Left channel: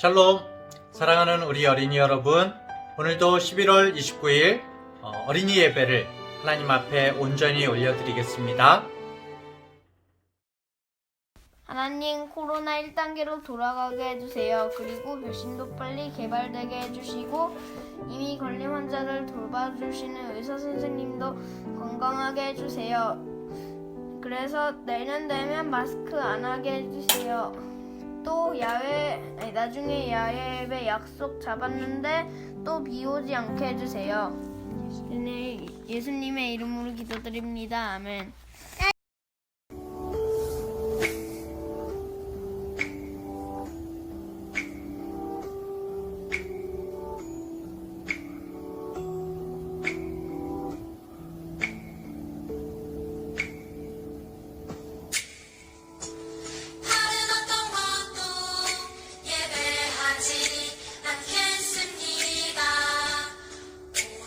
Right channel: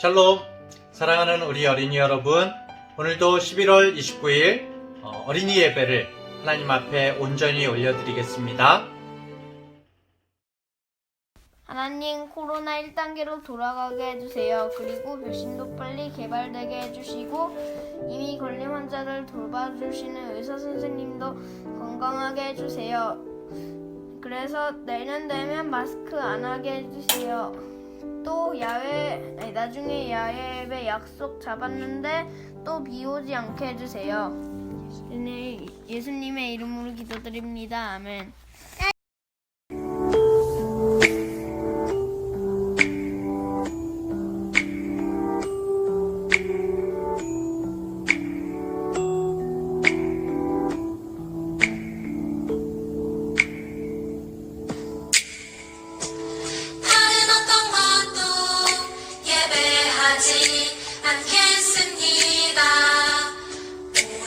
샬롬, 사랑하는 우리 어린이 여러분, 오늘도 11월 29일 어린이 예배를 하나님 앞에 온전히 올려드리겠습니다. 하나님, 코로나 1단계로 돌아가게 해주세요. 그리고 백신도 빨리 개발되게 해주시고 이미 걸린 환자를 돌봐주시는 의사 선생님도 건강하게 해주세요. 그래서 내년 되면 마스크 안 하게 해주세요. 또 나중에 야외 예배 약속 잡았는데 또 비 오지 않게 해주세요. 예수님의 이름으로 기도드립니다. 아멘.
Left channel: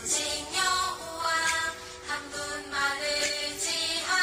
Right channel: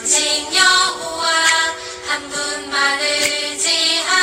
오직 여호와 한 분만을 지하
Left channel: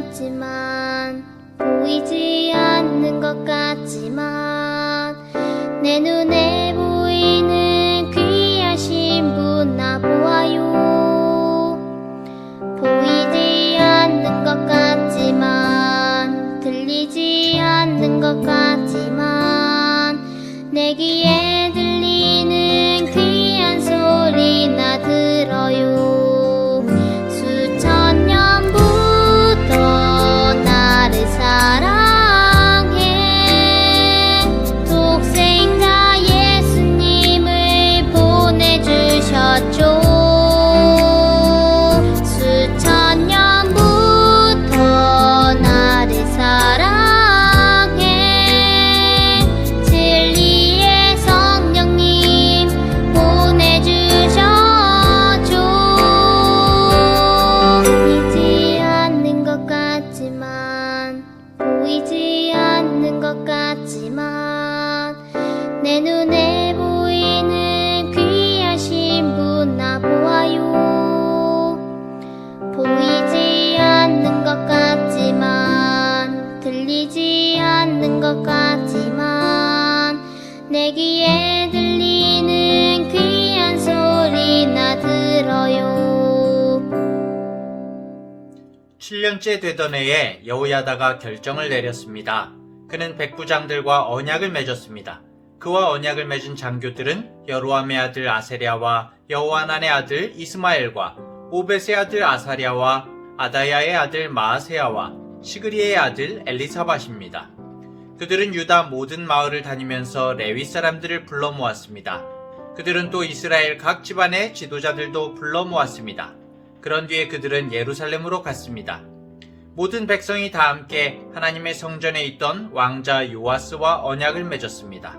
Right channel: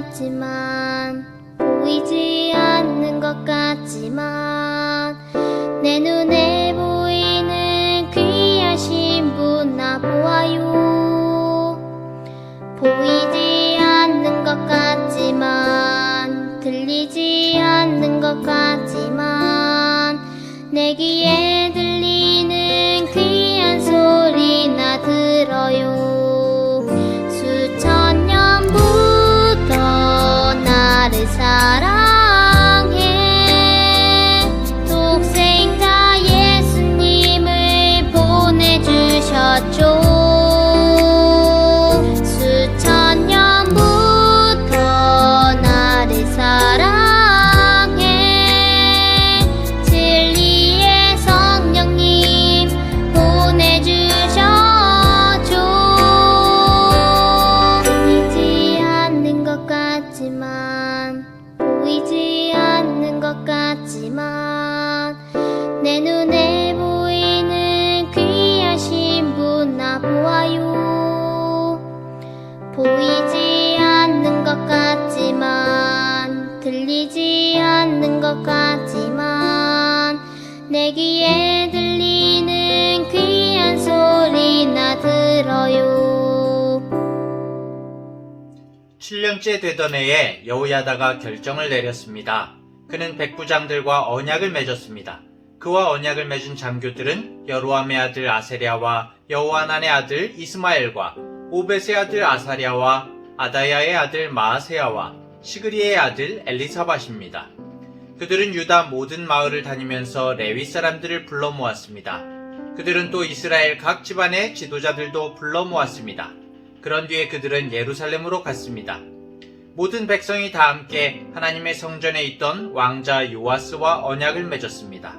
같지만 보이지 않는 것 같지만 내 눈에 보이는 귀하신 분 나 보아요. 보이지 않는 것 같지만 들리지 않는 것 같지만 내 귀에 들리는 귀한 소리 나 들어요. 수천 년부터 나를 사랑해 독생자 예수님을 보내주셨죠. 수천 년부터 나를 사랑해 진리의 성령님 보내주셨죠. 보이지 않는 것 같지만 보이지 않는 것 같지만 내 눈에 보이는 귀하신 분 나 보아요. 보이지 않는 것 같지만 들리지 않는 것 같지만 내 귀에 들리는 귀한 소리 나 들어요. 7년째 되던 해에 여호야다가 결정을 내렸습니다. 그는 백부장들과 언약을 맺었습니다. 그와 언약을 맺은 장교들은 여로함의 아들 아세랴와 여호하난의 아들 이스마엘과 오벳의 아들 아사랴와 아다야의 아들 마아세야와 시그리의 아들 엘리사밧입니다. 그들은 유다 모든 마을을 다니면서 레위 사람들을 불러 모았습니다. 그들은 또 이스라엘 각 집안의 지도자들도 불러 모았습니다. 그런 뒤에 그들은 예루살렘으로 갔습니다. 모든 백성이 다 함께 하나님의 성전에 있던 왕자 요아스와 언약을 맺었습니다.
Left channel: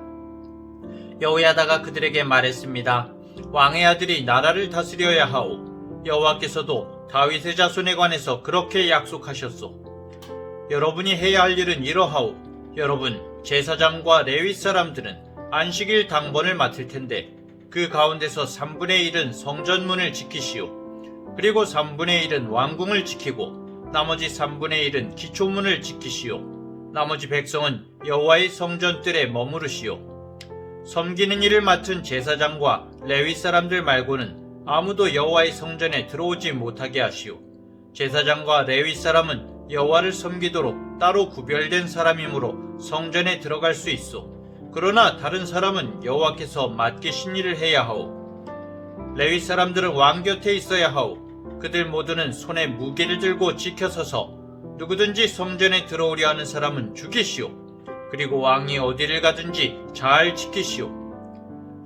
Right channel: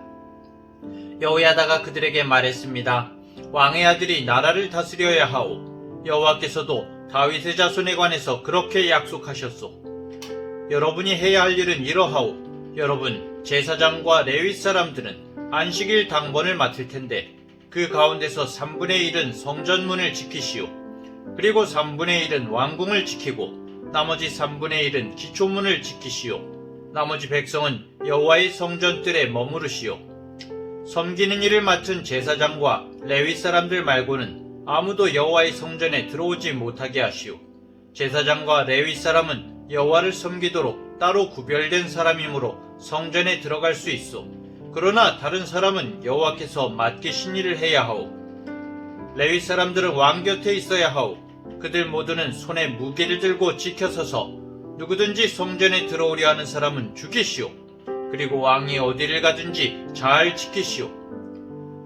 여호야다가 그들에게 말했습니다. 왕의 아들이 나라를 다스려야 하오. 여호와께서도 다윗의 자손에 관해서 그렇게 약속하셨소. 여러분이 해야 할 일은 이러하오. 여러분 제사장과 레위 사람들은 안식일 당번을 맡을 텐데 그 가운데서 3분의 1은 성전문을 지키시오. 그리고 3분의 1은 왕궁을 지키고 나머지 3분의 1은 기초문을 지키시오. 나머지 백성은 여호와의 성전뜰에 머무르시오. 섬기는 일을 맡은 제사장과 레위 사람들 말고는 아무도 여호와의 성전에 들어오지 못하게 하시오. 제사장과 레위 사람은 여호와를 섬기도록 따로 구별된 사람이므로 성전에 들어갈 수 있어. 그러나 다른 사람은 여호와께서 맡기신 일을 해야 하오. 레위 사람들은 왕 곁에 있어야 하오. 그들 모두는 손에 무기를 들고 지켜서서 누구든지 성전에 들어오려 하는 사람은 죽이시오. 그리고 왕이 어디를 가든지 잘 지키시오.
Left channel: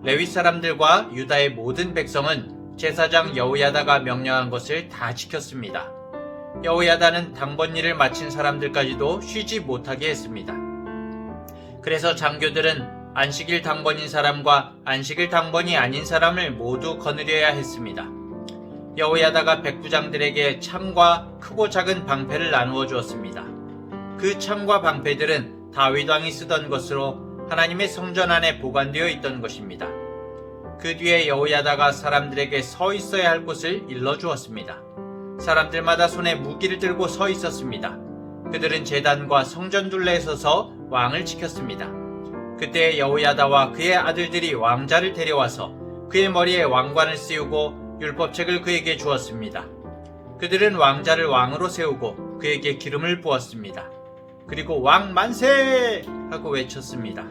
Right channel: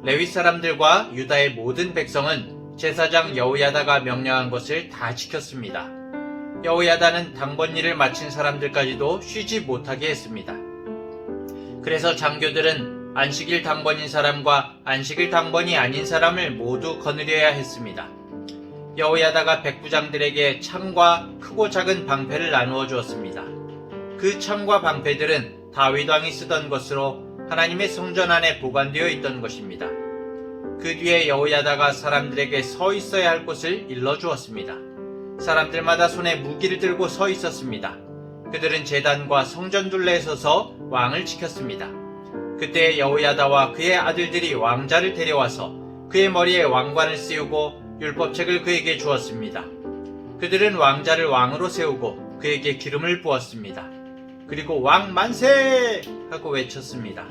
레위 사람들과 유다의 모든 백성은 제사장 여호야다가 명령한 것을 다 지켰습니다. 여호야다는 당번 일을 마친 사람들까지도 쉬지 못하게 했습니다. 그래서 장교들은 안식일 당번인 사람과 안식일 당번이 아닌 사람을 모두 거느려야 했습니다. 여호야다가 백부장들에게 창과 크고 작은 방패를 나누어 주었습니다. 그 창과 방패들은 다윗 왕이 쓰던 것으로 하나님의 성전 안에 보관되어 있던 것입니다. 그 뒤에 여호야다가 사람들에게 서 있어야 할 곳을 일러주었습니다. 사람들마다 손에 무기를 들고 서 있었습니다. 그들은 제단과 성전 둘레에 서서 왕을 지켰습니다. 그때 여호야다와 그의 아들들이 왕자를 데려와서 그의 머리에 왕관을 씌우고 율법책을 그에게 주었습니다. 그들은 왕자를 왕으로 세우고 그에게 기름을 부었습니다. 그리고 왕 만세! 하고 외쳤습니다.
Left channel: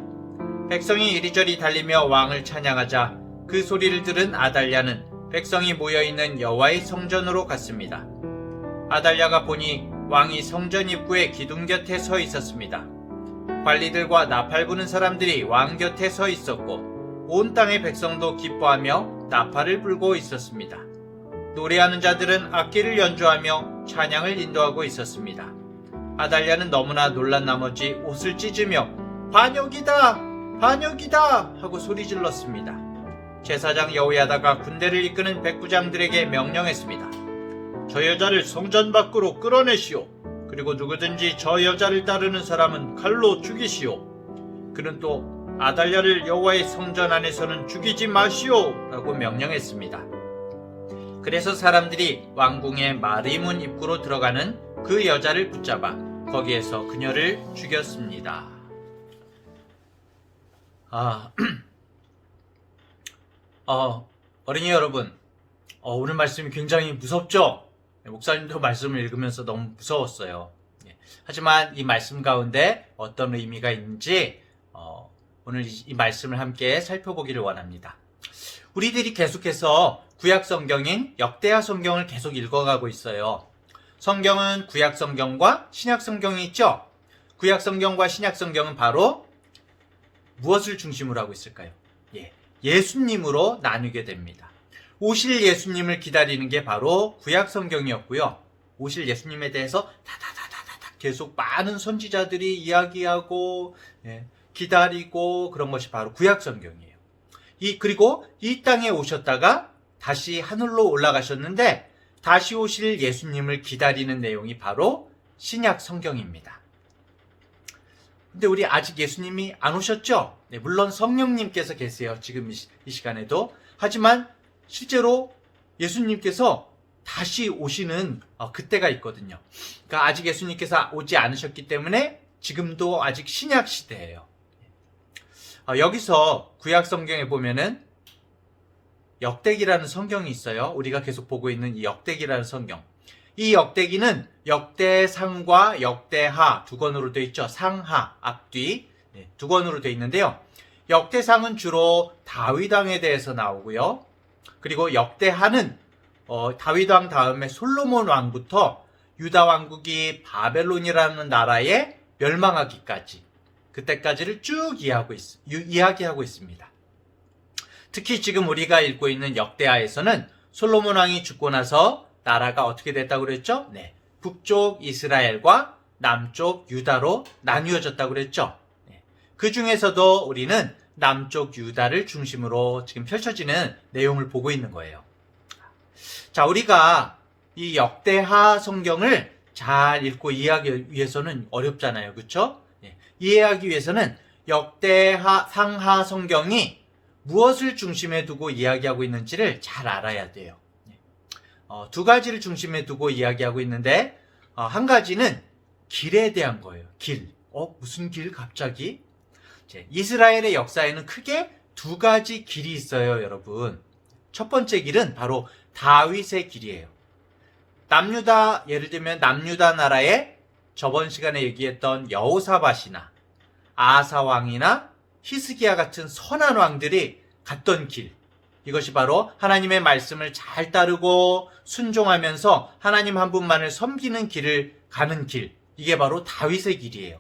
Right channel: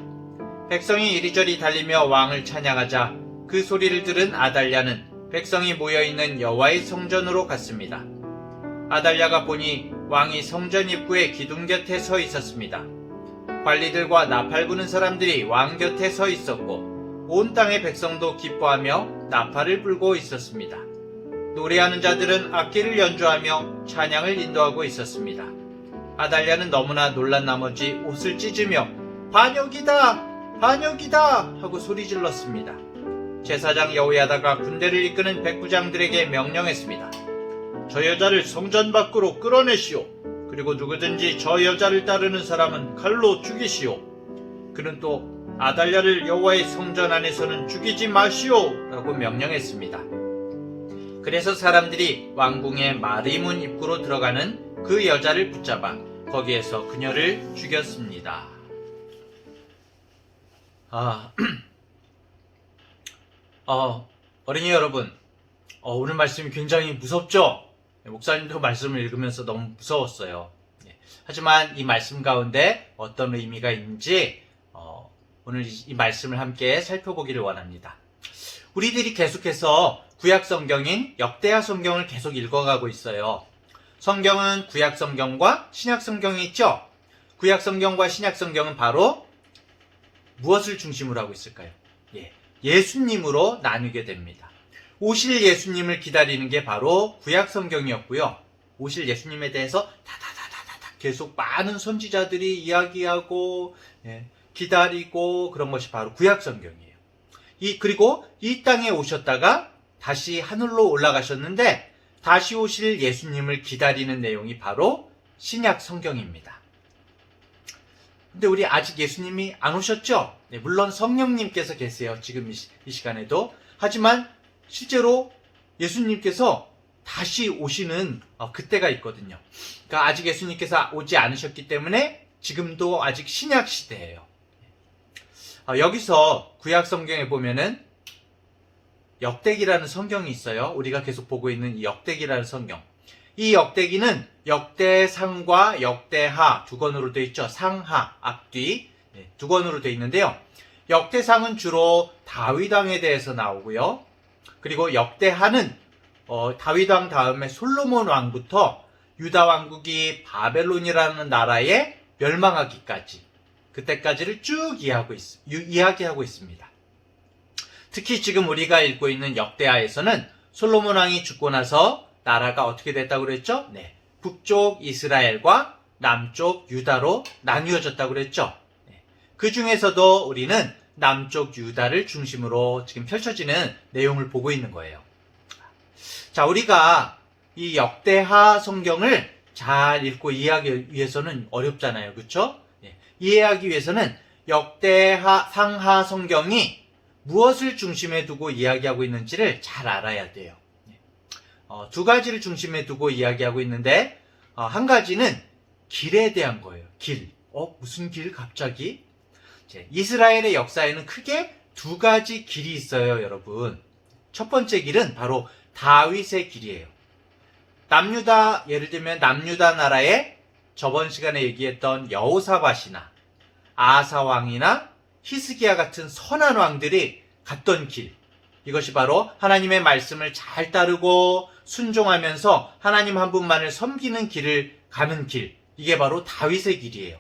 백성이 이리저리 달리며 왕을 찬양하자 그 소리를 들은 아달랴는 백성이 모여있는 여호와의 성전으로 갔습니다. 아달랴가 보니 왕이 성전 입구의 기둥 곁에 서 있었습니다. 관리들과 나팔 부는 사람들이 왕 곁에 서 있었고 온 땅의 백성도 기뻐하며 나팔을 불고 있었습니다. 노래하는 자들은 악기를 연주하며 찬양을 인도하고 있었습니다. 아달랴는 너무나 놀란 나머지 옷을 찢으며 반역이다! 반역이다! 하고 소리질렀습니다. 제사장 여호야다가 군대를 이끄는 백부장들에게 명령했습니다. 저 여자를 성전 밖으로 끌어내시오. 그리고 누구든지 저 여자를 따르는 사람은 칼로 죽이시오. 그는 또 아달랴를 여호와의 성전 안에서는 죽이지 마시오 라고 명령했습니다. 그래서 사람들이 왕궁의 마리문 입구로 들어가는 그 여자를 붙잡아 거기에서 그녀를 죽였습니다. 어린이 여러분, 오늘 말씀이 굉장히 무섭죠? 목사님도 말씀을 읽으면서 너무 무서웠어요. 하지만 이 말씀 가운데 어떤 의미가 있는지 오늘 이 말씀을 함께 살펴보기를 원합니다. 우리들이 계속해서 구약 성경인 역대하 성경을 계속 읽어가고 있어요. 성경은 구약 성경과 신약 성경이 있죠? 구약 성경과 신약 성경은 바로 무엇을 중심으로 하고 있을까요? 예수님으로 나누게 됩니다. 오실 예수님을 기다리는 게 바로 구약 성경이었고요. 오실 예수님에 대해서 다다다다다 계속 많은 선지자들이 이야기하고 기다리고 그런 것이 바로 구약 성경이에요. 그리고 이 땅에 오셨다가 다시 하늘로 올라가셨는데 다시 오실 예수님을 기다리는 내용이 바로 신약 성경입니다. 근데 우리 아직 예수님이 안 오셨죠? 물론 성령님께서 계세요. 지금 이 시간에도. 하지만 실제로 예수님께서 다시 오시는 그때가 있거든요. 그러니까 아직 예수님께서 오지 않으셨기 때문에 지금도 아직 신약 시대예요. 여기서 구약 성경에 보면은 역대기라는 성경이 있어요. 우리가 계속 보고 있는 이 역대기라는 성경. 이 역대기는 역대상과 역대하 두 권으로 되어 있죠. 상하, 앞뒤 두 권으로 되어 있는데요. 역대상은 주로 다윗 왕에 대해서 나오고요. 그리고 역대하는 다윗 왕 다음에 솔로몬 왕부터 유다 왕국이 바벨론이라는 나라에 멸망하기까지 그때까지를 쭉 이야기하고 있습니다. 특히 지금 우리가 읽고 있는 역대하에서는 솔로몬 왕이 죽고 나서 나라가 어떻게 됐다고 그랬죠? 북쪽 이스라엘과 남쪽 유다로 나뉘어졌다고 그랬죠? 그 중에서도 우리는 남쪽 유다를 중심으로 지금 펼쳐지는 내용을 보고 있는 거예요. 자, 우리가 이 역대하 성경을 잘 읽고 이해하기 위해서는 어렵잖아요. 그렇죠? 이해하기 위해서는 역대하 상하 성경이 무엇을 중심에 두고 이야기하고 있는지를 잘 알아야 돼요. 두 가지를 중심에 두고 이야기하고 있는데 한 가지는 길에 대한 거예요. 길. 무슨 길 갑자기? 이스라엘의 역사에는 크게 두 가지 길이 있어요, 여러분. 첫 번째 길은 바로 다윗의 길이에요. 예를 들면 남유다 나라에 저번 시간에 얘기했던 여호사밧이나 아사 왕이나 히스기야 같은 선한 왕들이 갔던 길. 이것이 바로 하나님의 말씀을 잘 따르고 순종하면서 하나님 한 분만을 섬기는 길을 가는 길. 이게 바로 다윗의 길이에요.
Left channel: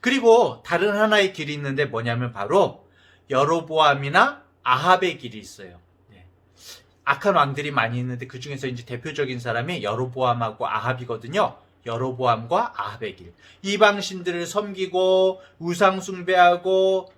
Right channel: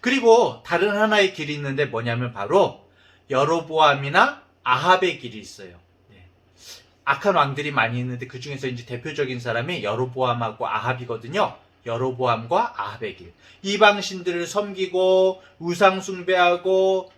그리고 다른 하나의 길이 있는데 뭐냐면 바로 여로보암이나 아합의 길이 있어요. 악한 왕들이 많이 있는데 그 중에서 이제 대표적인 사람이 여로보암하고 아합이거든요. 여로보암과 아합의 길. 이방신들을 섬기고 우상 숭배하고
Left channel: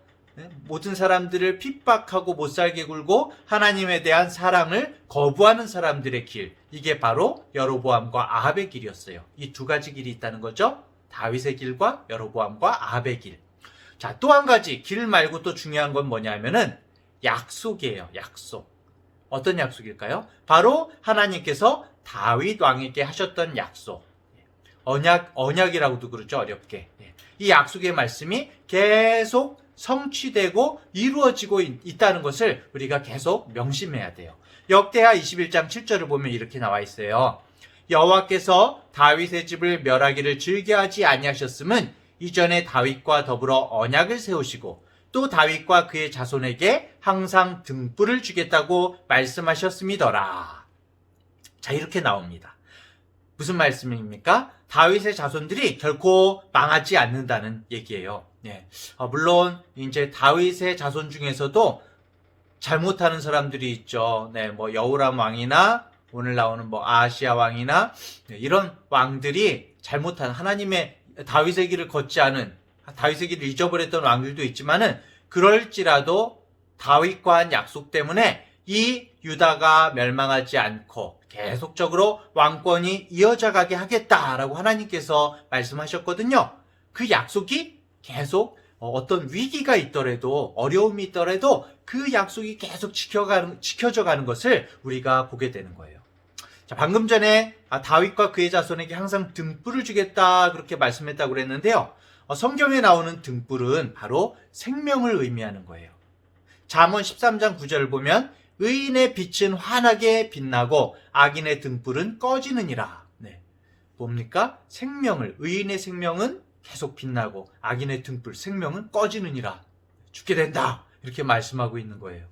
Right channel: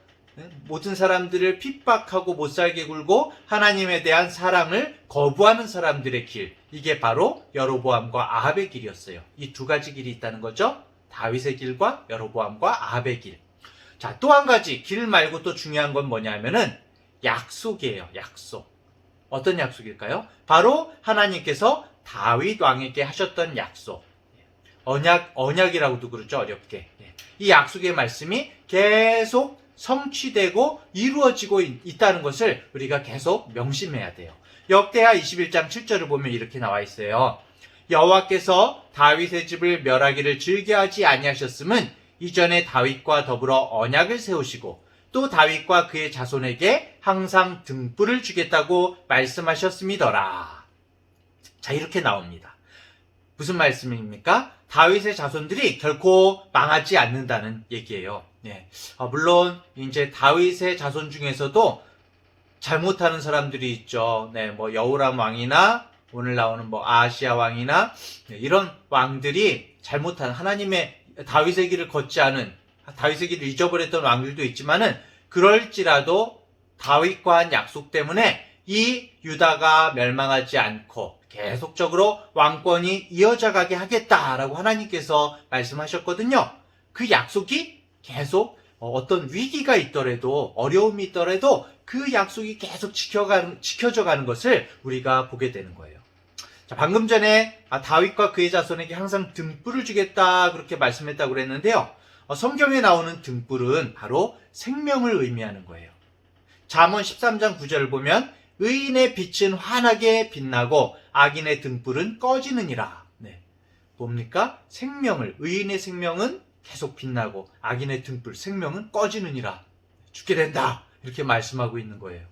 모든 사람들을 핍박하고 못살게 굴고 하나님에 대한 사랑을 거부하는 사람들의 길. 이게 바로 여로보암과 아합의 길이었어요. 이 두 가지 길이 있다는 거죠. 다윗의 길과 여로보암과 아합의 길. 자, 또 한 가지 길 말고 또 중요한 건 뭐냐면은 약속이에요. 약속. 어떤 약속일까요? 바로 하나님께서 다윗 왕에게 하셨던 약속. 언약이라고도 그러죠. 어렵게. 이 약속의 말씀이 계속 성취되고 이루어지고 있다는 것을 우리가 계속 명심해야 돼요. 역대하 21장 7절을 보면 이렇게 나와 있어요. 여호와께서 다윗의 집을 멸하기를 즐겨하지 아니하셨음은 이전에 다윗과 더불어 언약을 세우시고 또 다윗과 그의 자손에게 항상 등불을 주겠다고 말씀하셨음이더라. 자, 이렇게 나옵니다. 무슨 말씀입니까? 다윗의 자손들이 결코 망하지 않는다는 얘기예요. 물론 이제 다윗의 자손 중에서도 잘못하는 사람들이 있죠. 여호람 왕이나 오늘 나오는 아하시야 왕이나 이런 왕들이 잘못한 하나님의 다윗의 길을 걷지 않은 다윗의 길을 잊어버렸던 왕들도 있지만은 그럴지라도 다윗과 한 약속 때문에 이 유다가 멸망하지 않고 계속적으로 왕권이 이어져 가게 하겠다라고 하나님께서 말씀하셨거든요. 그 약속이 계속 어떤 위기가 있더라도 어려움이 있더라도 그 약속이 계속 지켜져 가는 것을 우리가 보게 되는 거예요. 자, 방금 전에 다윗과 그의 자손에게 항상 등불을 주겠다 그렇게 말씀했다고 그랬는데요. 성경에 나오는 등불은 바로 생명을 의미하는 거예요. 잠언 13장 9절을 보면 의인의 빛은 환하게 빛나고 악인의 등불은 꺼지느니라. 네. 뭡니까? 의인의 생명은 계속 빛나고 악인의 등불, 생명은 꺼지느니라. 죽게 된다. 이렇게 말씀하고 있는 거예요.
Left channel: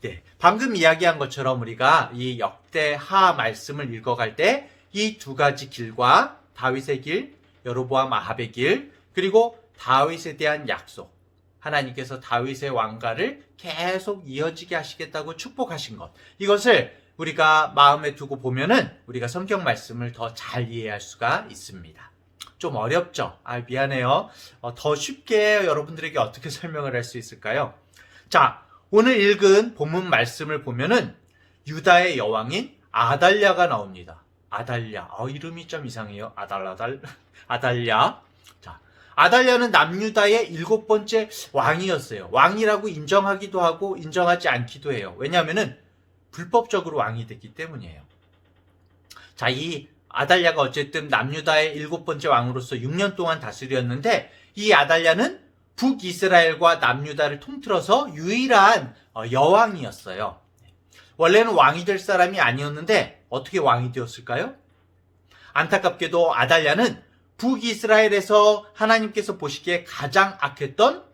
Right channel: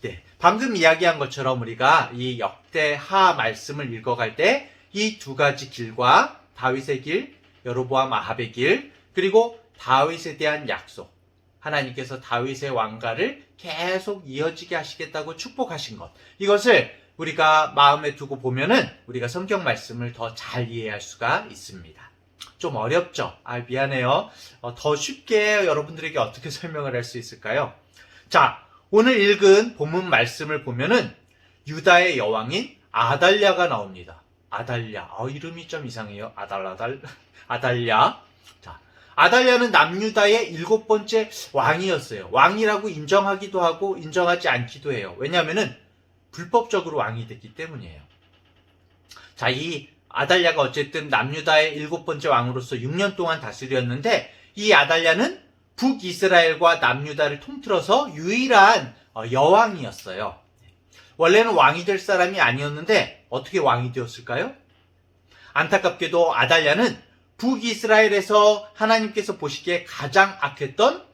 네. 방금 이야기한 것처럼 우리가 이 역대하 말씀을 읽어갈 때 이 두 가지 길과 다윗의 길, 여로보암 아합의 길, 그리고 다윗에 대한 약속, 하나님께서 다윗의 왕가를 계속 이어지게 하시겠다고 축복하신 것, 이것을 우리가 마음에 두고 보면은 우리가 성경 말씀을 더 잘 이해할 수가 있습니다. 좀 어렵죠? 미안해요. 더 쉽게 여러분들에게 어떻게 설명을 할 수 있을까요? 자, 오늘 읽은 본문 말씀을 보면은 유다의 여왕인 아달랴가 나옵니다. 아달랴. 이름이 좀 이상해요. 아달랴. 자, 아달랴는 남유다의 7번째 왕이었어요. 왕이라고 인정하기도 하고 인정하지 않기도 해요. 왜냐하면은 불법적으로 왕이 됐기 때문이에요. 자, 이 아달랴가 어쨌든 남유다의 7번째 왕으로서 6년 동안 다스렸는데, 이 아달랴는 북이스라엘과 남유다를 통틀어서 유일한 여왕이었어요. 원래는 왕이 될 사람이 아니었는데 어떻게 왕이 되었을까요? 안타깝게도 아달랴는 북이스라엘에서 하나님께서 보시기에 가장 악했던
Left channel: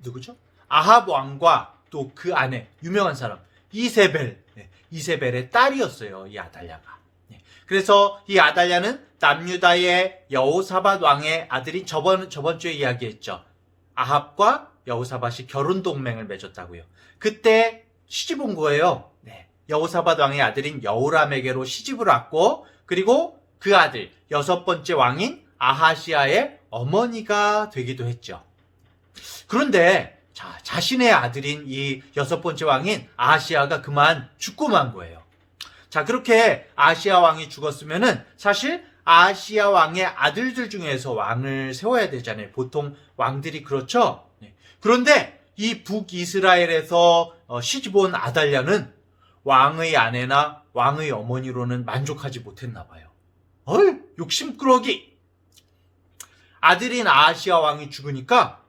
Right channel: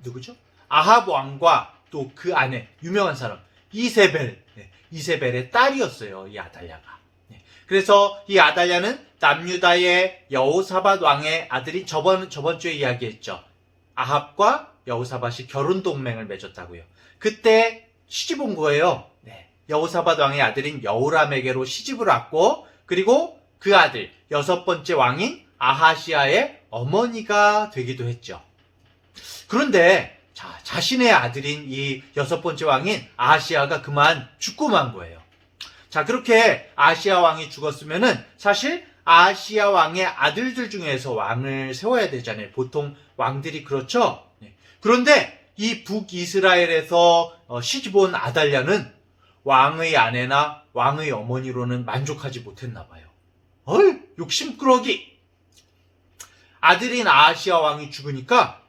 누구죠? 아합 왕과 또 그 아내, 유명한 사람 이세벨의 딸이었어요. 이 아달랴가. 그래서 이 아달랴는 남유다의 여호사밧 왕의 아들인 저번 주에 이야기했죠. 아합과 여호사밧이 결혼 동맹을 맺었다고요. 그때 시집 온 거예요. 여호사밧 왕의 아들인 여호람에게로 시집을 왔고, 그리고 그 아들 6번째 왕인 아하시아의 어머니가 되기도 했죠. 그런데 자신의 아들인 이 6번째 왕인 아하시아가 그만 죽고 만 거예요. 자, 그렇게 아하시아 왕이 죽었으면은 사실 아하시아 왕의 아들들 중에서 왕을 세워야 되잖아요. 보통 왕들이 그렇죠. 그런데 이 북이스라엘에서 시집 온 아달랴는 왕의 아내나 왕의 어머니로는 만족하지 못했나 봐요. 욕심꾸러기! 아들인 아하시아 왕이 죽으니까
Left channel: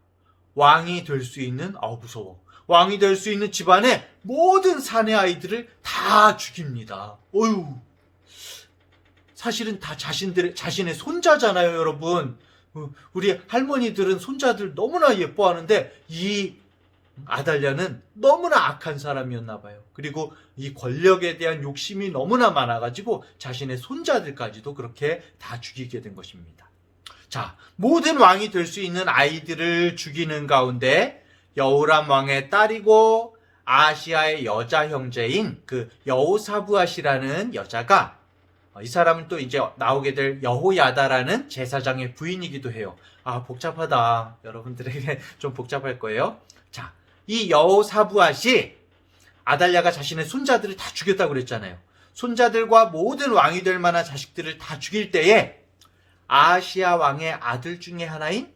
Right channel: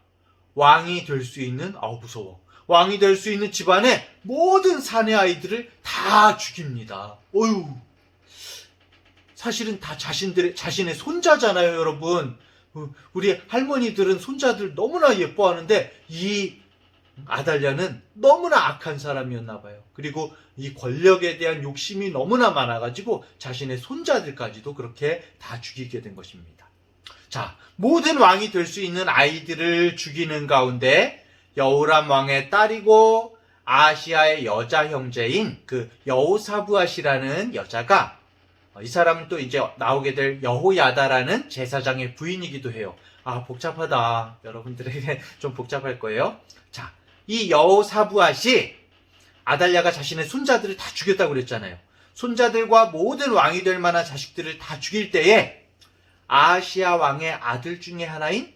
왕이 될 수 있는, 무서워. 왕이 될 수 있는 집안의 모든 사내 아이들을 다 죽입니다. 사실은 다 자신의 손자잖아요, 여러분. 우리 할머니들은 손자들 너무나 예뻐하는데 이 아달랴는 너무나 악한 사람이었나 봐요. 그리고 이 권력에 대한 욕심이 너무나 많아가지고 자신의 손자들까지도 그렇게 다 죽이게 된 것입니다. 자, 모든 왕이 될 수 있는 아이들을 죽이는 가운데 여호람 왕의 딸이고 아하시아의 여자 형제인 그 여호사부앗이라는 여자가, 이 사람은 또 이제 나오게 될 여호야다라는 제사장의 부인이기도 해요. 복잡하다. 여러분들에게 좀 복잡할 거예요. 자, 이 여호사부앗이 아달랴가 자신의 손자들을 다 죽였다고 그랬잖아요. 손자들과 모든 왕이 될 만한 자식들을 다 죽일 때에 아하시아 왕의 아들 중에 하나인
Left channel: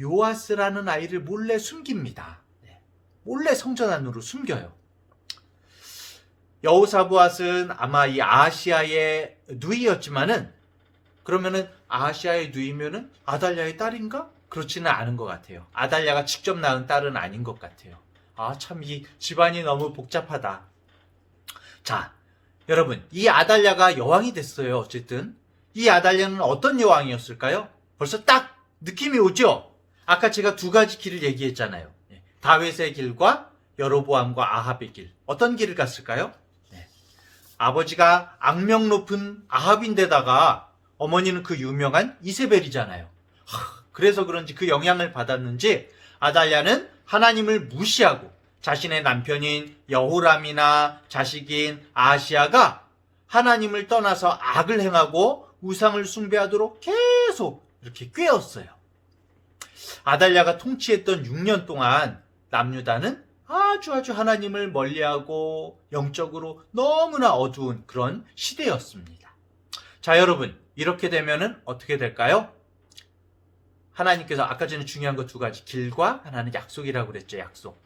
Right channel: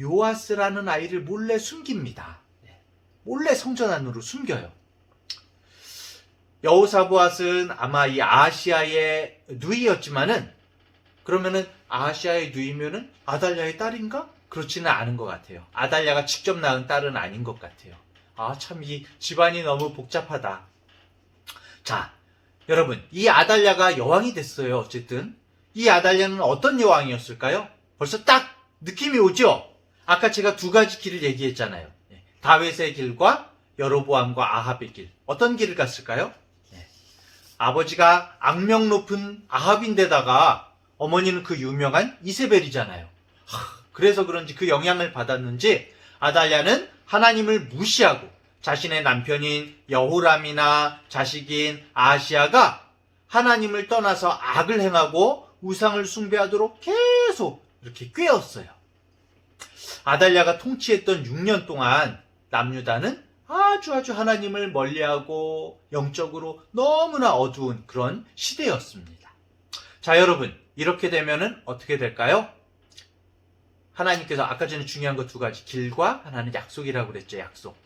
요아스라는 아이를 몰래 숨깁니다. 몰래 성전 안으로 숨겨요. 여호사부앗은 아마 이 아하시아의 누이였지만은, 그러면은 아하시아의 누이면은 아달랴의 딸인가? 그렇지는 않은 것 같아요. 아달랴가 직접 낳은 딸은 아닌 것 같아요. 참 이 집안이 너무 복잡하다. 자, 여러분, 이 아달랴가 여왕이 됐어요. 어쨌든 이 아달랴는 어떤 여왕이었을까요? 벌써 딱 느낌이 오죠? 아까 제가 두 가지 길을 얘기했잖아요. 다윗의 길과 여로보암과 아합의 길. 어떤 길을 갔을까요? 아버지가 악명 높은 아합인데다가 어머니는 그 유명한 이세벨이잖아요. 그래서 그런지 그 영향을 받았는지 아달랴는 하나님을 무시하고 자신의 남편인 여호람이나 자식인 아하시아가 하나님을 떠나서 악을 행하고 우상을 숭배하도록 계속 이렇게 꾀었어요. 아달랴가 통치했던 6년 동안 남유다는 아주 하나님을 멀리하고 영적으로 너무나 어두운 그런 시대였습니다. 자, 여러분, 이렇게 되면은 어떻게 될까요? 하나님께서 아까 전에 중요한 거 두 가지, 길과 하나는 약속이라고 그랬죠. 약속.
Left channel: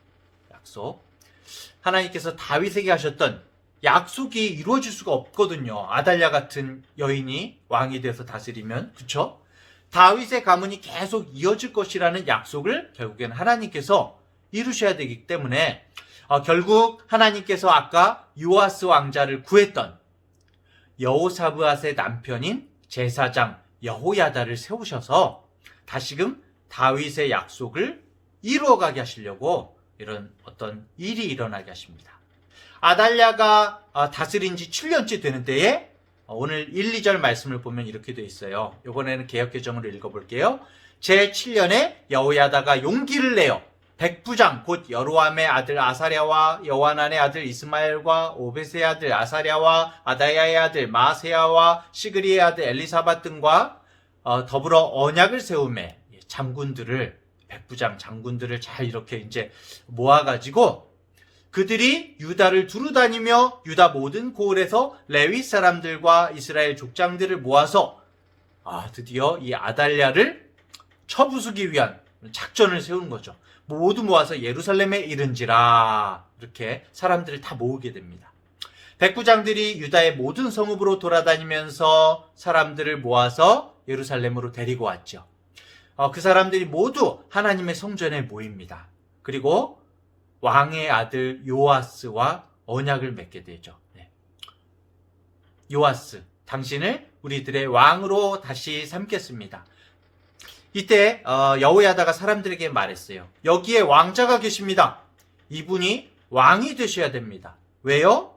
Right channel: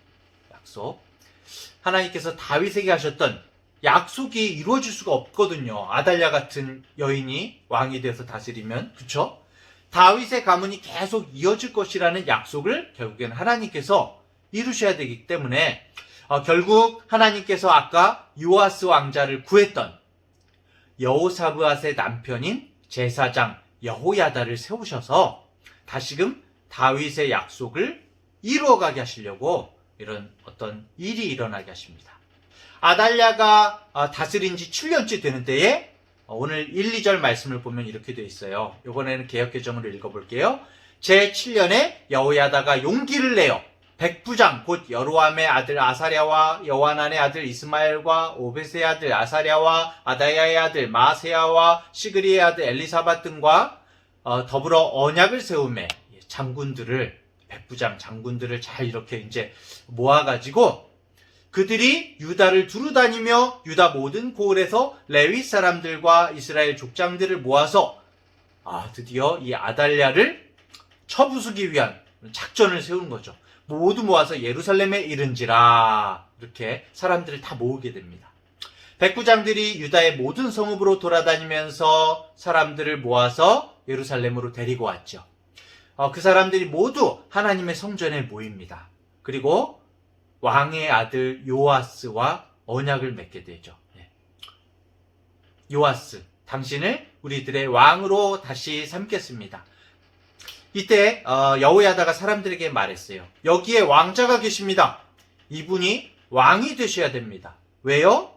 하나님께서 다윗에게 하셨던 약속이 이루어질 수가 없거든요. 아달랴 같은 여인이 왕이 돼서 다스리면, 그쵸? 다윗의 가문이 계속 이어질 것이라는 약속을 결국엔 하나님께서 이루셔야 되기 때문에 결국 하나님께서 아까 요아스 왕자를 구했던 여호사브앗의 남편인 제사장 여호야다를 세우셔서 다시금 다윗의 약속을 이루어가게 하시려고 이런 어떤 일이 일어나게 하십니다. 아달랴가 다스린 지 7년째 되는 때에 오늘 1, 2절 말씀을 보면 이렇게 되어 있어요. 이번에는 개역개정으로 읽어볼게요. 제7년에 여호야다가 용기를 내어 백부장 곧 여로함의 아들 아사랴와 여호하난의 아들 이스마엘과 오벳의 아들 아사랴와 아다야의 아들 마세야와 시그리의 아들 엘리사밧 등과 더불어 언약을 세우매 장군들을 백부장 장군들을 잘 이렇게 이제 모아가지고 그들이 유다를 두루다니며 유다 모든 고을에서 레위 사람들과 이스라엘 족장들을 모아서 드디어 이 아달랴를 쳐부수기 위한 작전을 세우는 거죠. 모두 모아서 예루살렘에 이른지라 이렇게 사람들을 다 모으게 됩니다. 백부장들이 유다의 모든 성읍으로 돌아다니면서 사람들을 모아서 예루살렘으로 데리고 왔죠. 그 사람들이 모두 하나님의 성전에 모입니다. 그리고 왕의 아들 요아스와 언약을 맺게 되죠. 요아스, 당신을 우리들의 왕으로 다시 삼겠습니다. 이때 여호야다가 사람들에게 말했어요. 여기에 왕자가 계십니다. 이분이 왕이 되셔야 됩니다. 왜요?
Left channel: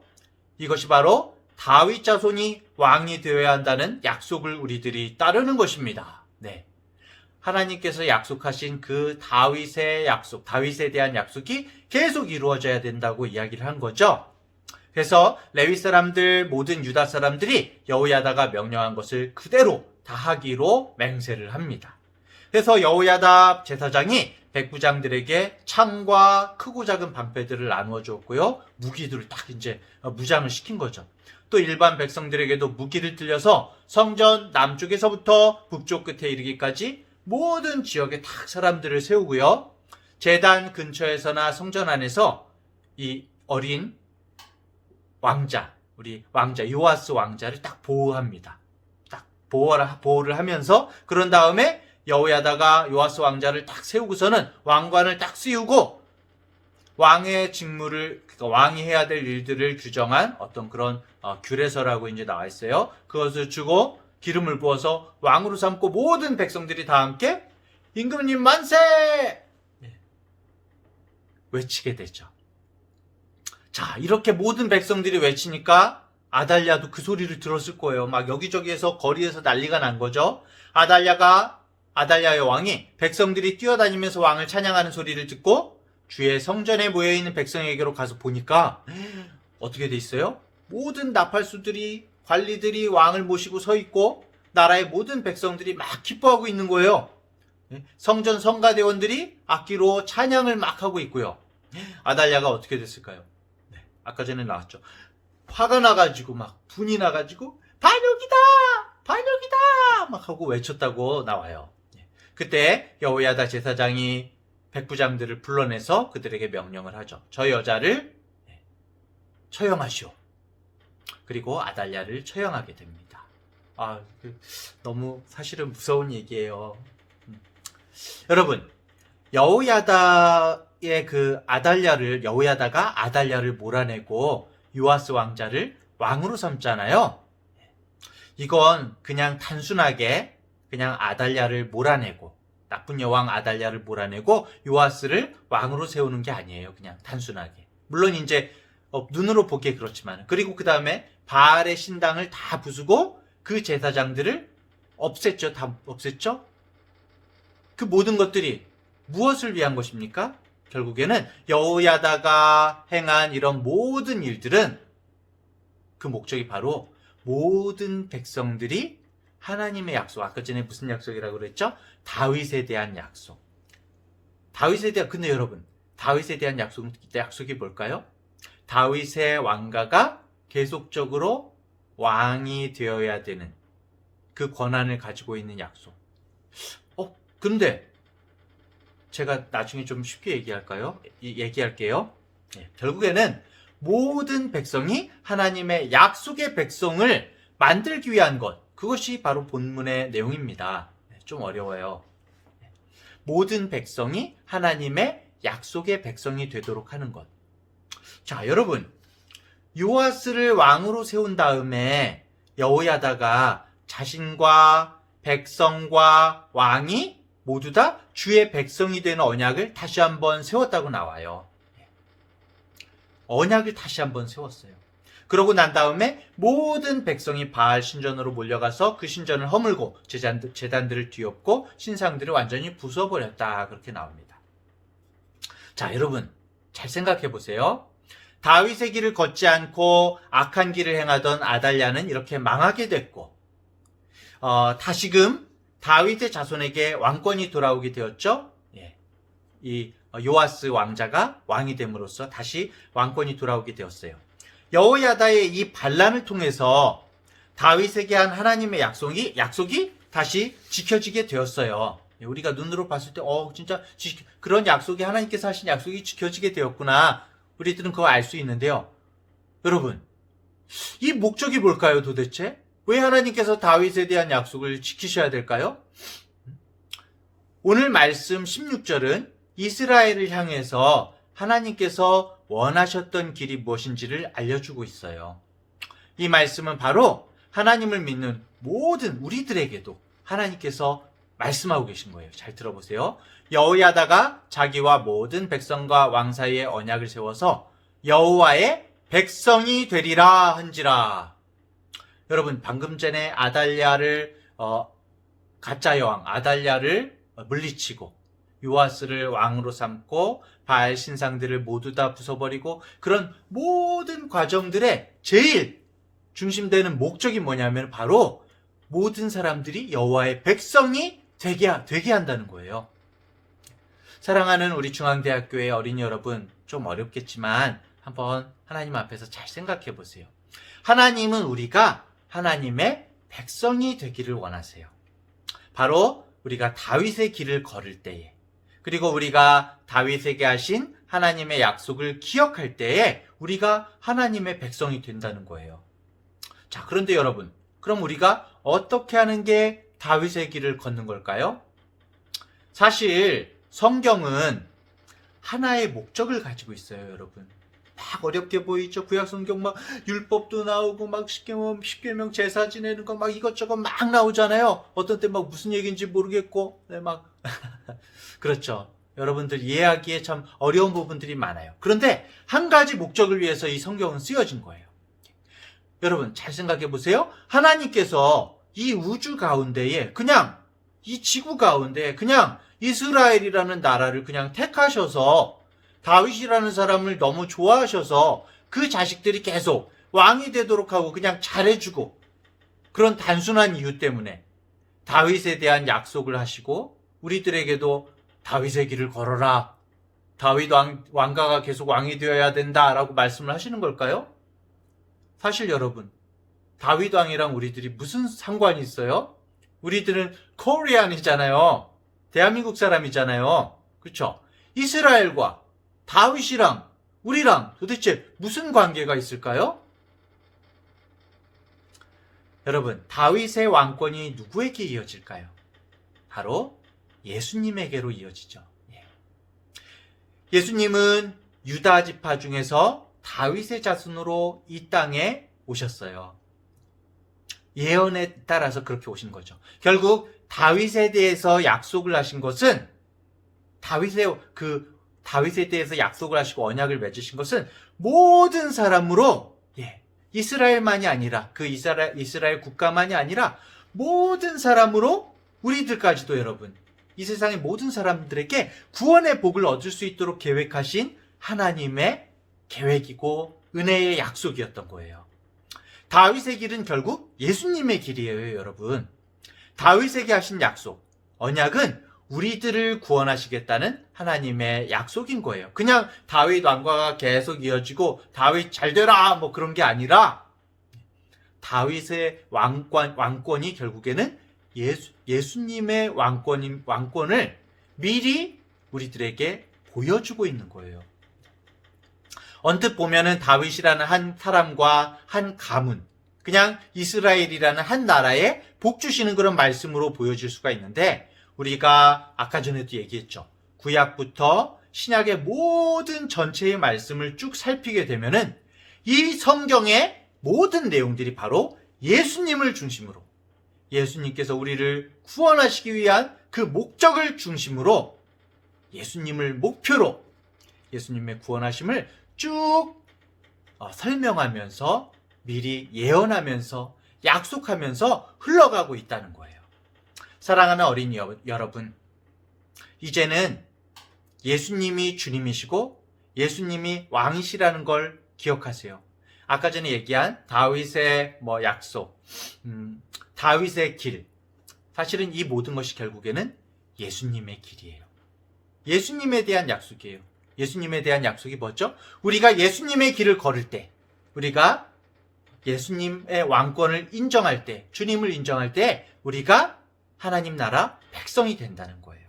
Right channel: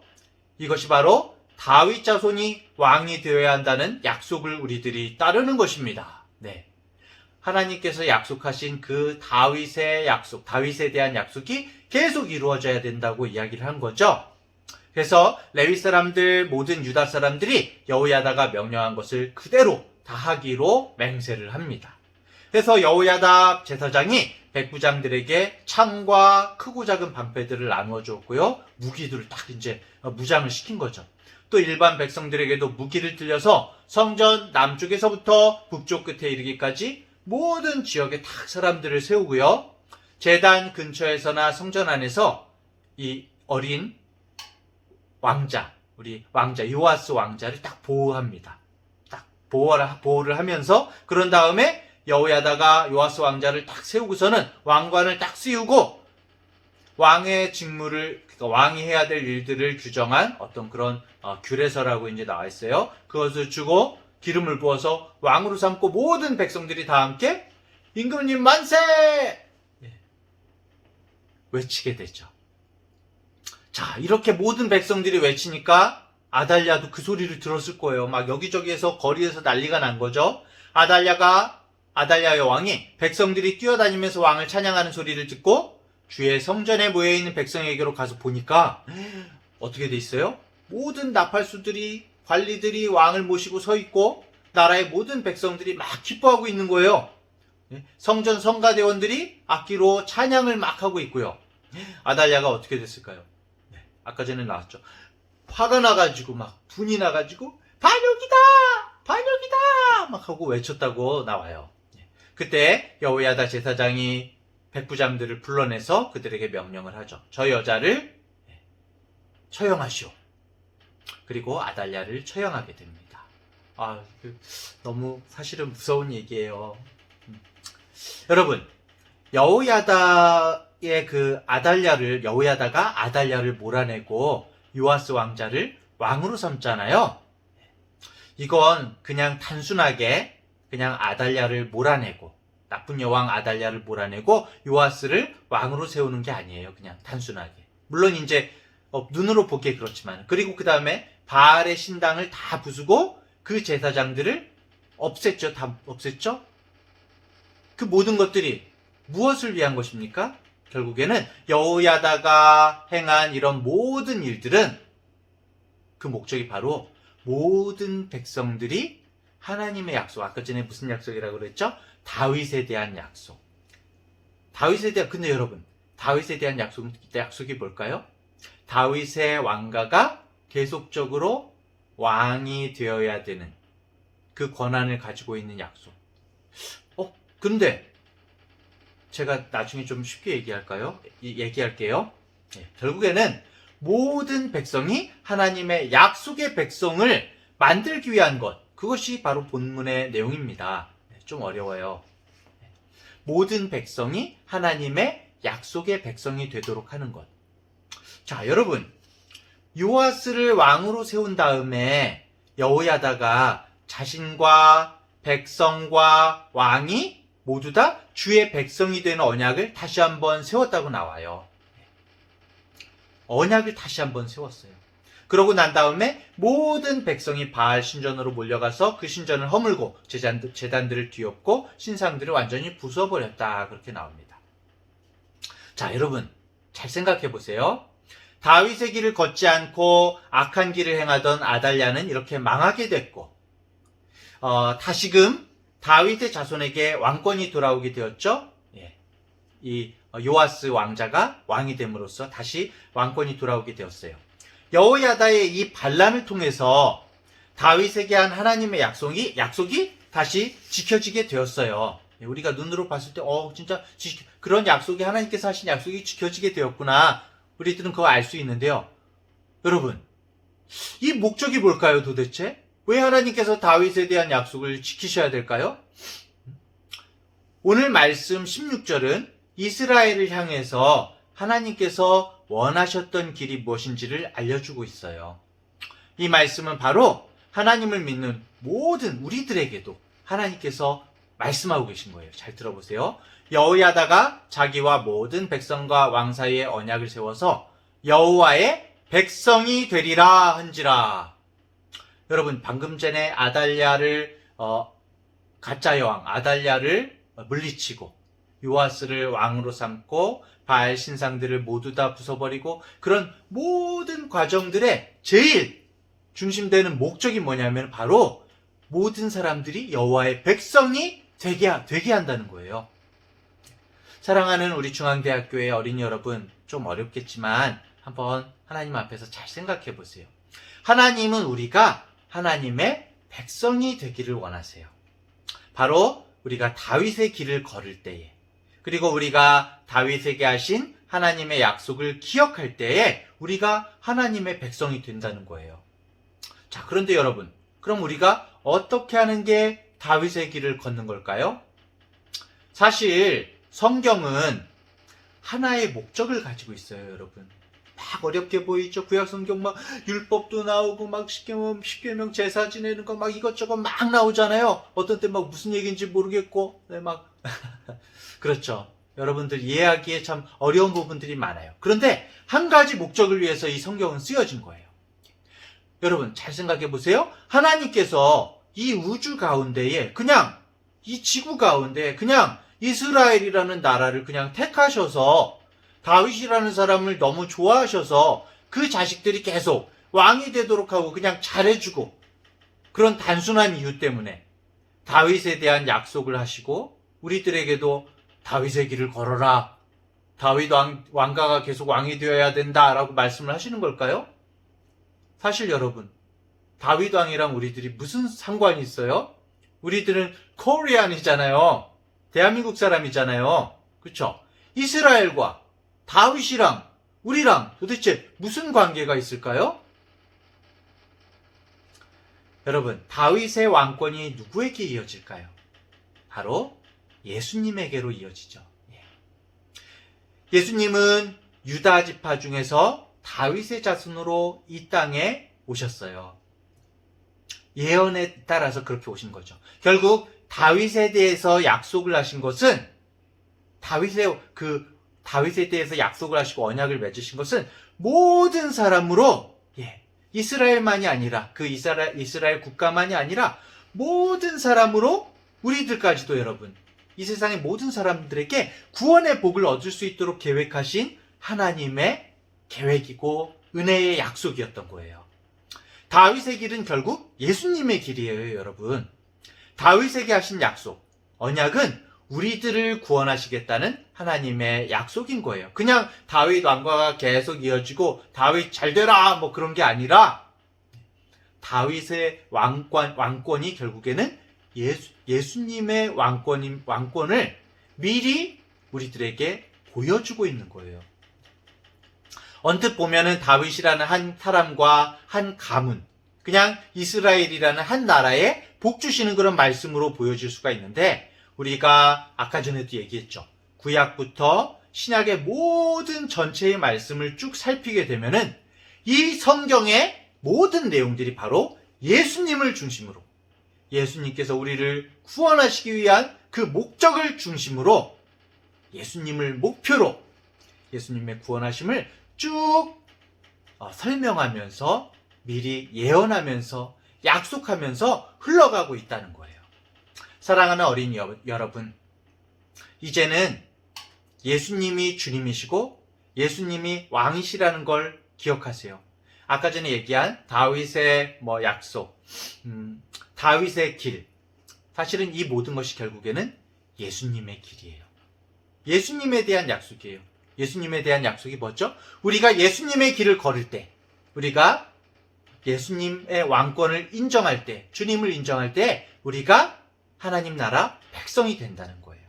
이것이 바로 다윗 자손이 왕이 되어야 한다는 약속을 우리들이 따르는 것입니다. 네. 하나님께서 약속하신 그 다윗의 약속, 다윗에 대한 약속이 계속 이루어져야 된다고 이야기를 한 거죠. 그래서 레위 사람들, 모든 유다 사람들이 여호야다가 명령한 것을 그대로 다 하기로 맹세를 합니다. 그래서 여호야다 제사장이 백부장들에게 창과 크고 작은 방패들을 나누어 주었고요. 무기들을 딱 이제 무장을 시킨 거죠. 또 일반 백성들에게도 무기를 들려서 성전 남쪽에서부터 북쪽 끝에 이르기까지 모든 지역에 딱 사람들을 세우고요. 제단 근처에서나 성전 안에서 이 어린 왕자, 우리 왕자 요아스 왕자를 딱 보호합니다. 딱 보호를 하면서 그런 다음에 여호야다가 요아스 왕자를 딱 세우고서는 왕관을 딱 씌우고 왕의 직무를, 그러니까 왕이 해야 될 일들을 규정한 어떤 그런 규례서라고 이제 나와 있어요. 그것을 주고 기름을 부어서 왕으로 삼고 모든 백성들이 다 함께 임금님 만세! 외치게 되죠. 자, 이렇게 모든 백성들이 외치니까 아달랴도 그 소리를 들었을 거예요. 막 여기저기에서 거리에서 난리가 난 거죠. 아달랴의 왕이 백성들이 뛰어다니면서 왕을 찬양하는 소리를 듣고 주의 성전에 모여있는 백성에게로 가서 보니까 어떻게 돼 있어요? 모든 나팔수들이, 관리들이 왕을 모시고 서 있고 나라의 모든 백성들이 막 기뻐하고 있는 거예요. 성전 성가대원들이 악기로 찬양을 막 하고 있고요. 아달랴가 어떻게 됐을까요? 아까 전에 나왔죠. 화가 나가지고 막 분이 나가지고 반역이다! 반역이다! 막 하고 외쳤다고 나와요. 그때 여호야다 제사장이 백부장들을 불러내서 그들에게 명령을 하죠. 저 여자를 처형하시오. 그리고 아달랴를 처형하게 됩니다. 너무 사실은 무서운 얘기예요. 여러분, 여호야다의 그 여호야다가 아달랴를 몰아내고 요아스 왕자를 왕으로 삼잖아요. 이건 그냥 단순하게 그냥 아달랴를 몰아내고 나쁜 여왕 아달랴를 몰아내고 요아스를 왕으로 세우는 게 아니에요. 그냥 단순하게. 물론 이제 눈으로 보기에 그렇지만 그리고 그 다음에 바알의 신당을 다 부수고 그 제사장들을 없앴죠. 다 없앴죠. 그 모든 것들이 무엇을 위한 것입니까? 결국에는 여호야다가 행한 이런 모든 일들은 그 목적이 바로 모든 백성들이 하나님의 약속, 아까 전에 무슨 약속이라고 그랬죠? 다윗에 대한 약속. 근데 여러분, 다윗에 대한 약속이 뭘까요? 다윗의 왕가가 계속적으로 왕이 되어야 되는 그 권한을 가지고 있는 약속. 근데 제가 나중에 좀 쉽게 얘기할게요. 결국에는 모든 백성이 하나님의 약속의 백성을 만들기 위한 것, 그것이 바로 본문의 내용입니다. 좀 어려워요. 모든 백성이 하나님의 약속의 백성이 되도록 하는 것. 자, 여러분, 요아스를 왕으로 세운 다음에 여호야다가 자신과 백성과 왕이 모두 다 주의 백성이 되는 언약을 다시 한번 세웠다고 나와요. 언약을 다시 한번 세웠어요. 그러고 난 다음에 모든 백성이 바알 신전으로 몰려가서 그 신전을 허물고 제단들을 뒤엎고 신상들을 완전히 부숴버렸다. 그렇게 나옵니다. 자, 여러분 잘 생각해 보세요. 다윗의 길을 걷지 않고 악한 길을 행하던 아달랴는 이렇게 망하게 됐고 다시금 다윗의 자손에게 왕권이 돌아오게 되었죠. 이 요아스 왕자가 왕이 됨으로써 다시 왕권이 돌아오게 되었어요. 여호야다의 이 반란을 통해서 다윗에게 한 하나님의 약속이 다시 지켜지게 되었어요. 우리가 눈으로 봤을 때 진짜 그런 약속이 하나님께서 하신 약속이 지켜지게 되었구나. 우리들은 그거 알 수 있는데요. 여러분, 이 목적이 뭘까요, 도대체? 왜 하나님께서 다윗에 대한 약속을 지키셔야 될까요? 오늘 말씀 16절은 이스라엘을 향해서 하나님께서 원하셨던 길이 무엇인지를 알려주고 있어요. 이 말씀은 바로 하나님을 믿는 모든 우리들에게도 하나님께서 말씀하고 계신 거예요. 잘 들어보세요. 여호야다가 자기와 모든 백성과 왕 사이에 언약을 세워서 여호와의 백성이 되리라 한지라. 여러분, 방금 전에 아달랴를 가짜 여왕 아달랴를 물리치고 요아스를 왕으로 삼고 바알 신상들을 모두 다 부숴버리고 그런 모든 과정들의 제일 중심되는 목적이 뭐냐면 바로 모든 사람들이 여호와의 백성이 되게 한다는 거예요. 사랑하는 우리 중앙대학교의 어린이 여러분, 좀 어렵겠지만 한번 하나님 앞에서 잘 생각해 보세요. 하나님은 우리가 하나님의 백성이 되기를 원하세요. 바로 우리가 다윗의 길을 걸을 때에, 그리고 우리가 다윗에게 하신 하나님의 약속을 기억할 때에 우리가 하나님의 백성이 된다는 거예요. 자, 그런데 여러분, 그럼 우리가 어떻게 하는 게 다윗의 길을 걷는 걸까요? 사실 성경은 하나의 목적을 가지고 있어요, 여러분. 막 어렵게 보이죠? 구약성경 막 율법도 나오고 막 십계명 제사 지내는 거 막 이것저것 막 나오잖아요. 어떤 때 막 무슨 얘기인지 모르겠고, 막 그렇죠. 여러분들 이해하기에 참 어려운 부분들이 많아요. 그런데 한 가지 목적을 위해서 이 성경은 쓰여진 거예요. 여러분 잘 생각해 보세요. 하나님께서 이 우주 가운데에 그냥 이 지구 가운데 그냥 이스라엘이라는 나라를 그냥 택하셔서 다윗이라는 사람을 너무 좋아하셔서 그 자식들이 계속 왕이 되도록 하고 그냥 잘해주고 그런 단순한 이유 때문에 다윗에 대한 약속을 하시고 우리들에게도 다윗의 길을 걸어라. 다윗 왕가가 계속 왕이 되어야 된다라고 말씀을 하시는 걸까요? 사실 여러분, 다윗 왕이랑 우리들이 무슨 상관이 있어요? 우리들은 코리안이잖아요. 대한민국 사람이잖아요. 그렇죠? 이스라엘과 다윗이랑 우리랑 도대체 무슨 관계가 있을까요? 여러분, 다윗의 왕권이 누구에게 이어질까요? 바로 예수님에게로 이어지죠. 예수님은 유다 지파 중에서 다윗의 자손으로 이 땅에 오셨어요. 예언에 따라서 그렇게 오신 거죠. 결국 다윗에 대해서 약속을 하신 것은 다윗에 대해서 약속을 하시고 언약을 맺으신 것은 모든 사람으로 이스라엘만이 아니라 그 이스라엘 국가만이 아니라 모든 사람으로 우리들까지도 여러분 이 세상의 모든 사람들에게 구원의 복을 얻을 수 있도록 계획하신 하나님의 계획이고 은혜의 약속이었던 거예요. 다윗의 길은 결국 예수님의 길이에요, 여러분. 다윗에게 하신 약속, 언약은 우리들을 구원하시겠다는 하나님의 약속인 거예요. 그냥 다윗 왕과가 계속 이어지고 다윗 잘 되라 뭐 그런 게 아니라 다윗의 왕권이 결국에는 예수님의 왕권을 미리 우리들에게 보여주고 있는 거예요. 언뜻 보면은 다윗이라는 한 사람과 한 가문, 그냥 이스라엘이라는 한 나라에 복 주시는 그런 말씀으로 보여질 수가 있는데, 우리가 아까 전에도 얘기했죠. 구약부터 신약의 모든 전체의 말씀을 쭉 살피게 되면은 이 성경의 모든 내용들이 바로 예수님을 중심으로, 예수님께서 우리를 구원하시기 위한 그 목적을 중심으로, 예수님을 목표로 예수님의 구원하심을 쭉 설명하면서 미리 예언하면서 약속하면서 흘러가고 있다는 거예요. 사랑하는 어린이 여러분, 이제는 예수님이 주님이시고 예수님이 왕이시라는 걸 기억하세요. 아까 전에 얘기한 다윗의 약속, 다윗의 길, 사실은 이 모든 것이 결국에는 예수님의 길이에요. 예수님에 대한 약속이에요. 예수님에 대한 약속이 뭐죠? 우리가 예수님의 길을 걸을 때, 우리가 예수님의 왕권을 인정할 때, 주님을 인정할 때 우리가 하나님 나라 백성이 된다는 거예요.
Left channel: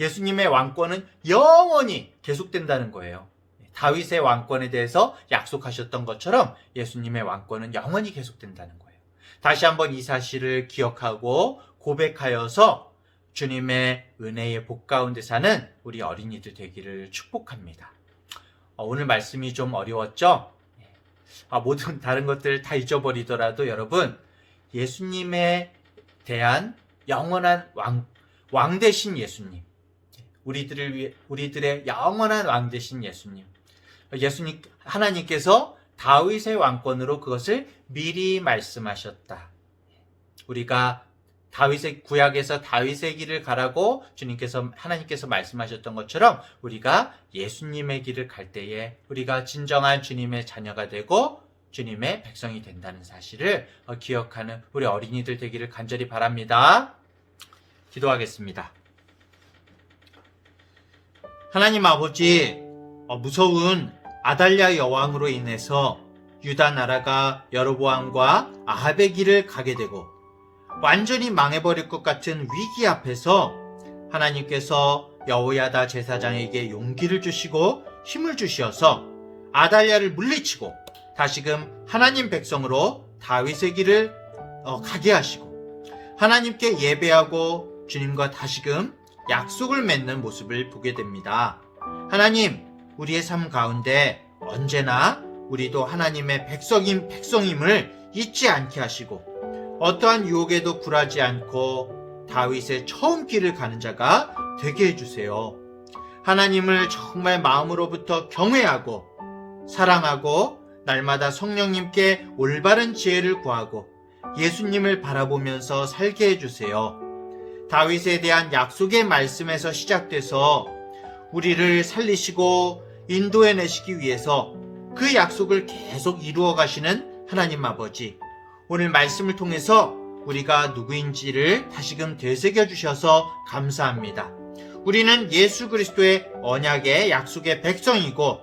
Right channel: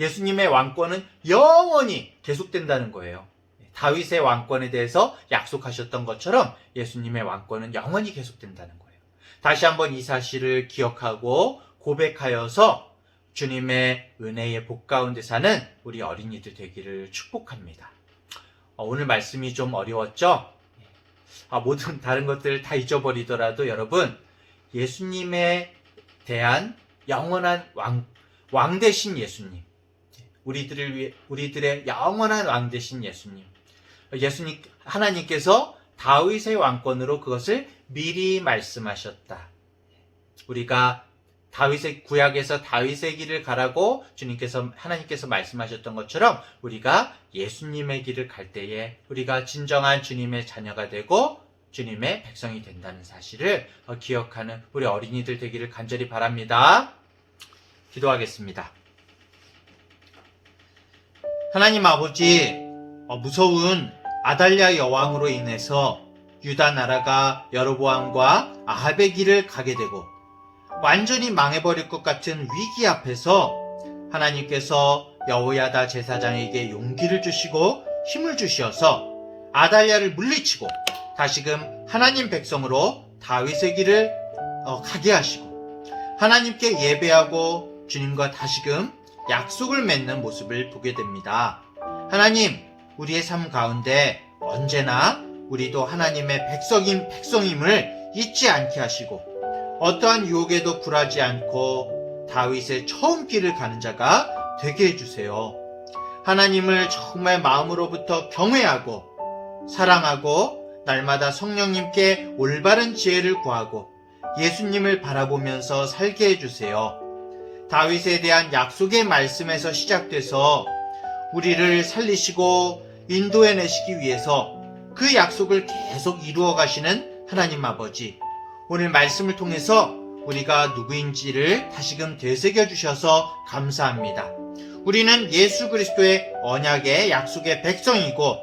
예수님의 왕권은 영원히 계속된다는 거예요. 다윗의 왕권에 대해서 약속하셨던 것처럼 예수님의 왕권은 영원히 계속된다는 거예요. 다시 한번 이 사실을 기억하고 고백하여서 주님의 은혜의 복 가운데 사는 우리 어린이들 되기를 축복합니다. 오늘 말씀이 좀 어려웠죠? 모든 다른 것들 다 잊어버리더라도 여러분, 예수님에 대한 영원한 왕 되신 예수님, 우리들의 영원한 왕 되신 예수님, 하나님께서 다윗의 왕권으로 그것을 미리 말씀하셨다. 우리가 구약에서 다윗의 길을 가라고 하나님께서 말씀하셨던 것처럼 우리가 예수님의 길을 갈 때에 우리가 진정한 주님의 자녀가 되고 주님의 백성이 된다는 사실을 기억하는 우리 어린이들 되기를 간절히 바랍니다. 기도하겠습니다. 하나님 아버지, 무서운 아달랴 여왕으로 인해서 유다 나라가 여로보암과 아합의 길을 가게 되고 완전히 망해버릴 것 같은 위기 앞에서 하나님께서 여호야다 제사장에게 용기를 주시고 힘을 주셔서 아달랴를 물리치고 다시금 하나님 백성으로 다윗의 길을 가게 하시고 하나님께 예배하고 주님과 다시금 약속을 맺는 모습을 보게 됩니다. 하나님, 우리의 삶 가운데 언제나 우리도 하나님의 백성임을 잊지 않게 하시고 어떠한 유혹에도 굴하지 않고 다윗의 처음 길을 가는 자가 되게 해주세요. 하나님을 정말 마음으로부터 경외하고 사랑하고 날마다 성령님께 올바른 지혜를 구하고 예수님을 바라보면서 살게 해주세요. 다윗에 대한 약속의 말씀에서 시작돼서 우리를 살리시고 인도해내시기 위해서 그 약속을 계속 이루어 가시는 하나님 아버지, 오늘 말씀을 통해서 우리가 누구인지를 다시금 되새겨 주셔서 감사합니다. 우리는 예수 그리스도의 언약의 약속의 백성이고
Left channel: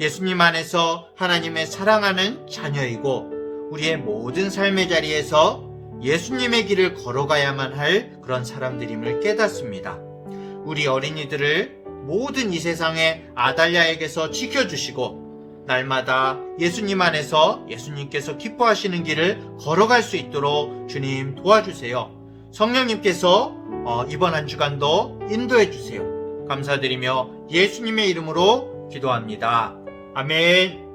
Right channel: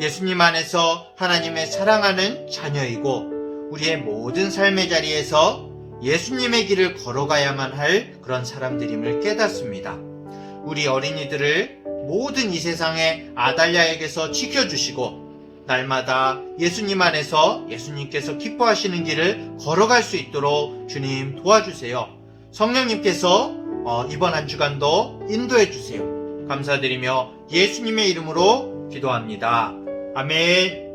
예수님 안에서 하나님의 사랑하는 자녀이고 우리의 모든 삶의 자리에서 예수님의 길을 걸어가야만 할 그런 사람들임을 깨닫습니다. 우리 어린이들을 모든 이 세상의 아달랴에게서 지켜주시고 날마다 예수님 안에서 예수님께서 기뻐하시는 길을 걸어갈 수 있도록 주님 도와주세요. 성령님께서 이번 한 주간도 인도해 주세요. 감사드리며 예수님의 이름으로 기도합니다. 아멘.